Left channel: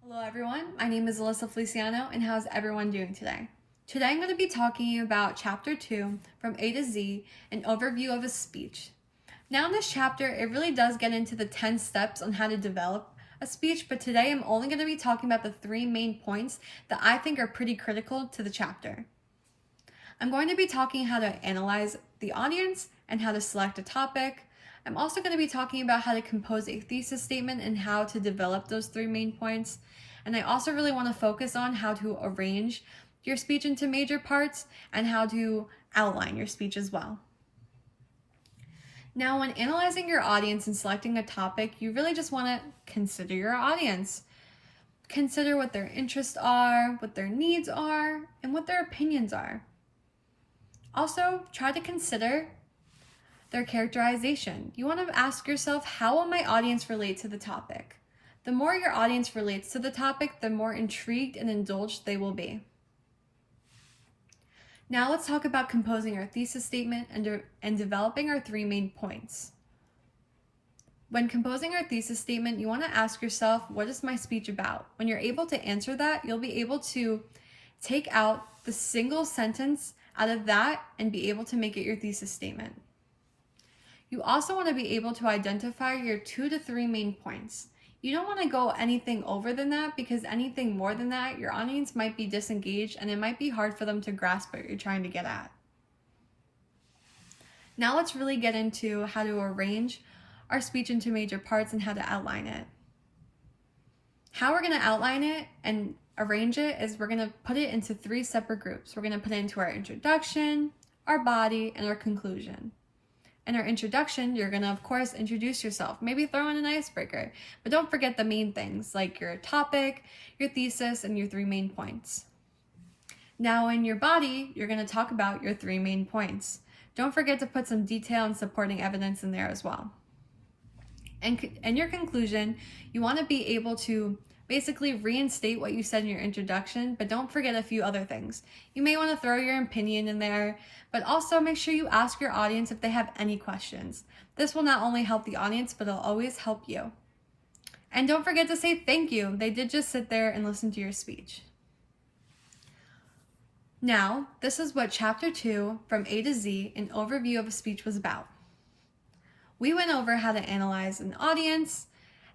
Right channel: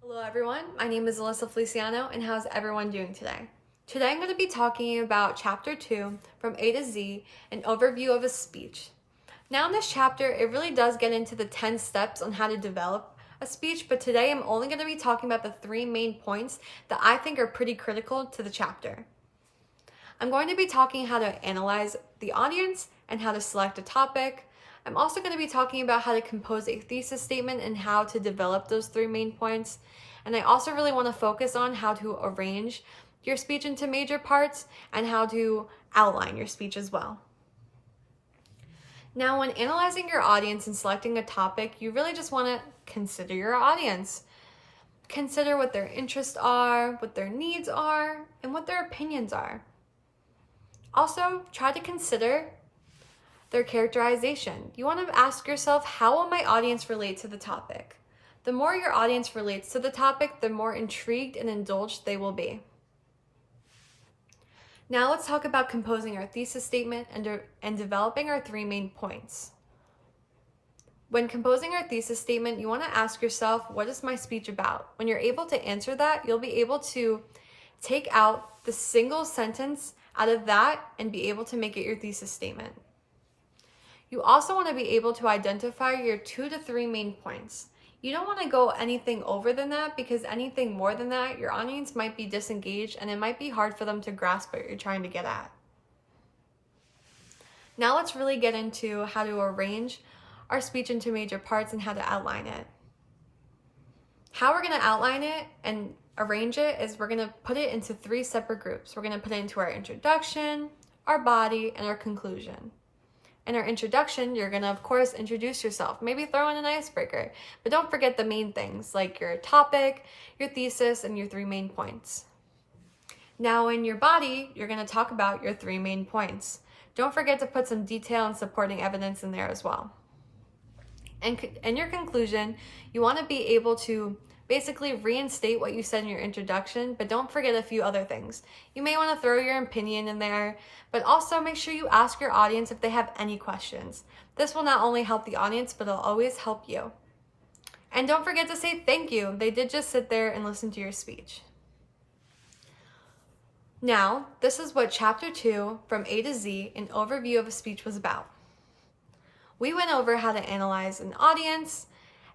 Hello everyone, my name is Alyssa Feliciano and how's everyone doing today? Today I'm going to be talking about Chapter 2 from A to Z, an overview of a speech. Now in this chapter, it really does get into the 10 steps on how to develop a speech, but today I'm only going to be talking about the 3 main points that I think are pretty critical to the chapter. I'm going to be talking how to analyze the audience and how to select a topic. I'm also going to be talking about how to compose a thesis statement and how to develop those 3 main points. And I also really want to focus on how to arrange your speech into major parts and how to outline your speech as well. Now, when analyzing your audience and selecting a topic, you really just want to consider your audience. Consider what their interests are, what their needs are, and what their opinions are. Also, try to consider their characterization. You want to ask yourself, how will my audience relate to the topic? The more your audience relates to the topic, the more intrigued and indulged they will be. Now let's talk about composing our thesis statement and developing our 3 main points. When composing our thesis statement, you want to ask yourself, what is my speech about? When you're able to answer that, you'll be able to take out the single sentence out of that and be able to make it your thesis statement. You also want to be able to identify your 2 to 3 main points. You don't want to go anything over than that, because anything more than that, your audience might be disengaged and it might be hard for them to grasp what you're trying to get at. Now let's really get into how to arrange our speech into major parts and how to outline it. How we're going to outline it and arrange it is we're going to put it into 3 separate groups. We're going to put it into our introduction, our body, and our conclusion. In our introduction, you're going to, of course, introduce yourself. Maybe throw in an icebreaker, but don't forget the main things like your topic, your thesis, and your 3 main points. Now in your body, you're going to talk about your 3 main points. Don't forget to put some detail and supporting evidence in there as well. And in your conclusion, you want to be able to basically reinstate what you said in your introduction, but don't forget a few other things. You may want to throw your opinion in there, but also make sure you ask your audience if they have any questions. This will not only help the audience, but it'll always help you. And don't forget to say thank you. They did just sit there and listen to your speech. Now, this is what Chapter 2 from A to Z, an overview of a speech, was about. We went over how to analyze an audience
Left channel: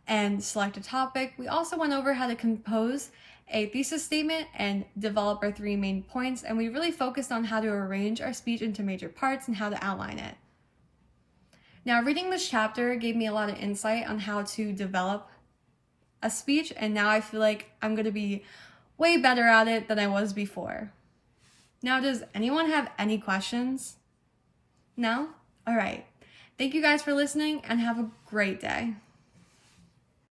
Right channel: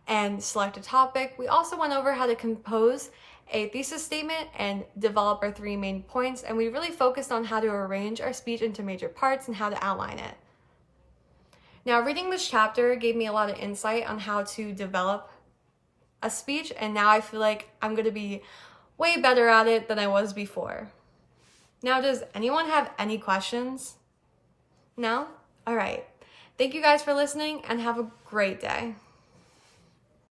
and select a topic. We also went over how to compose a thesis statement and develop our 3 main points, and we really focused on how to arrange our speech into major parts and how to outline it. Now, reading this chapter gave me a lot of insight on how to develop a speech, and now I feel like I'm going to be way better at it than I was before. Now, does anyone have any questions? No? All right. Thank you guys for listening and have a great day.